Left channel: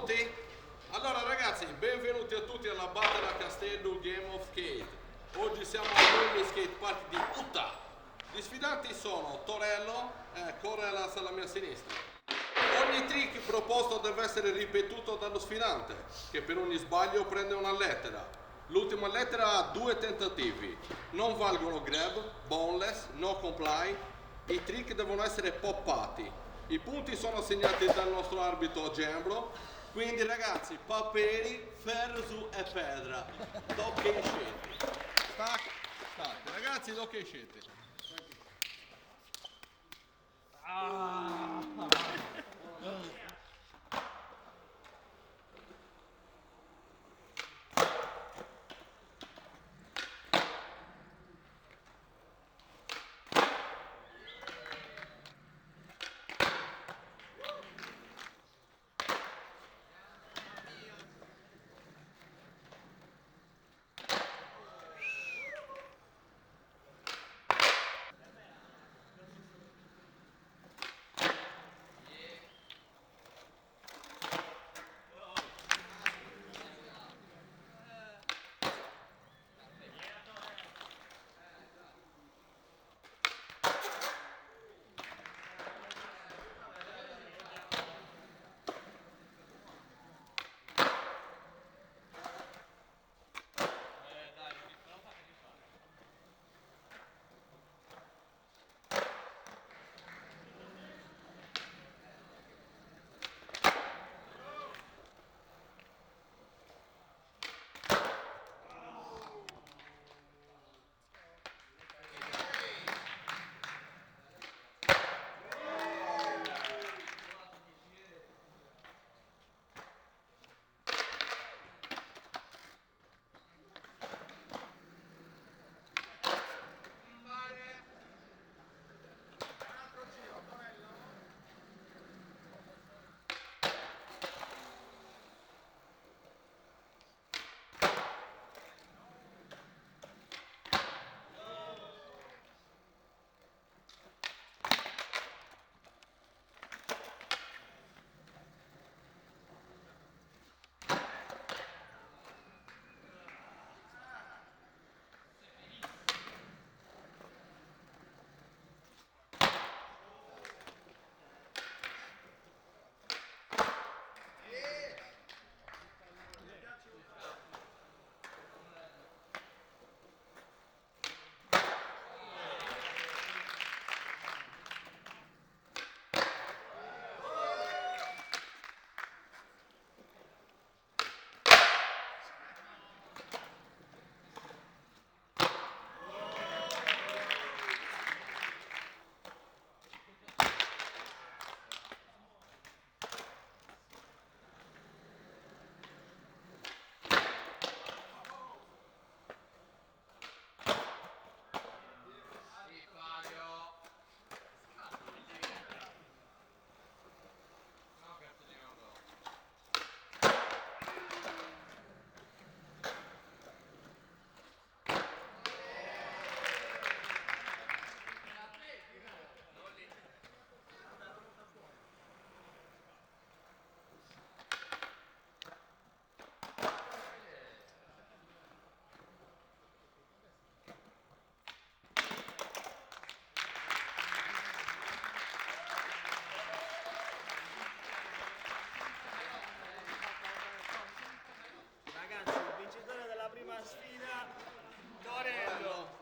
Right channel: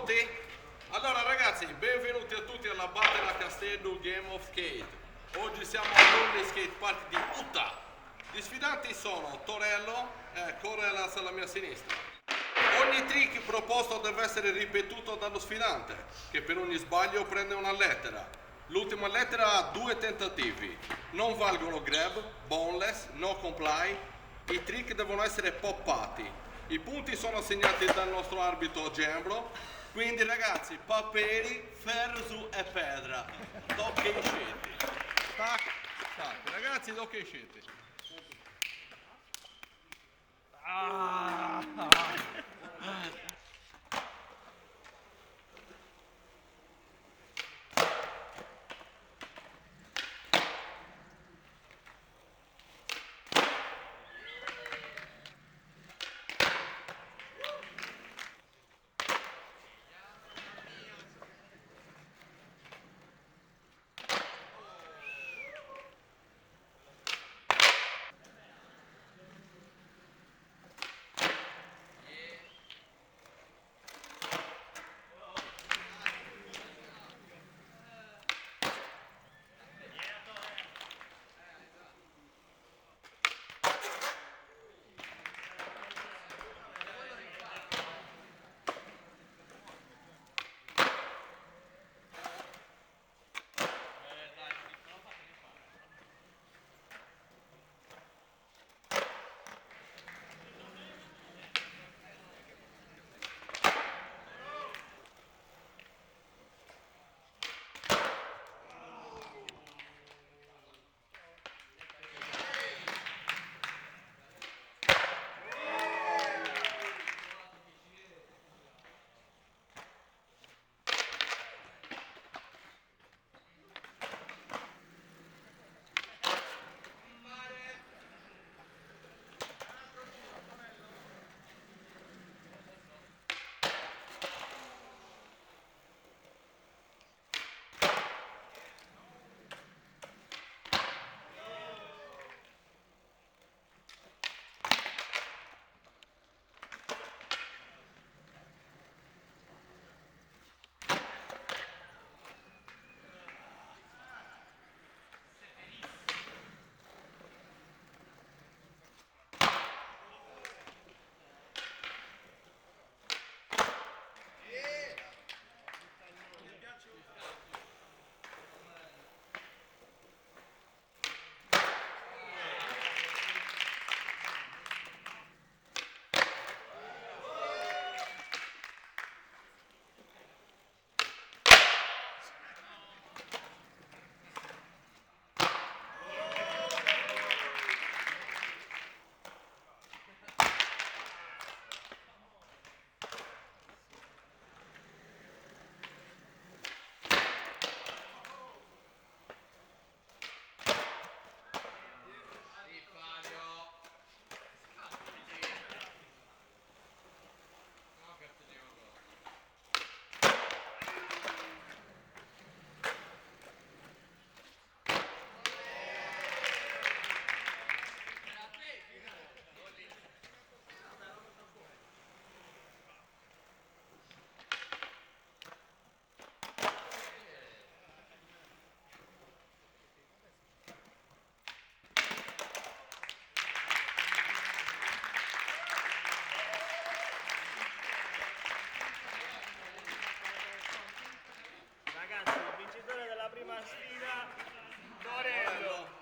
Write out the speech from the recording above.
Pronti? Allora ragazzi, benvenuti a tutti alla Battle a Castello Game of Skate. Oggi siamo all'Only Skate Park di Utah. Gli sfidanti sono Torello e Corellas alla mia sinistra. Ogni trick proposto deve essere ripetuto dallo sfidante, che per ogni sbaglio prende una lettera. L'ultima lettera ha 2 tentativi. Non valgono grab, boneless, no comply. I trick devono essere poppati. I punti sono assegnati dal nostro arbitro Gembro. Quindi ragazzi, paperi, ferro su e pedra. Doppie scete. Tac, tac. Ragazzi, doppie scete. Ragazzi, il vincitore della prima sfida, Torello.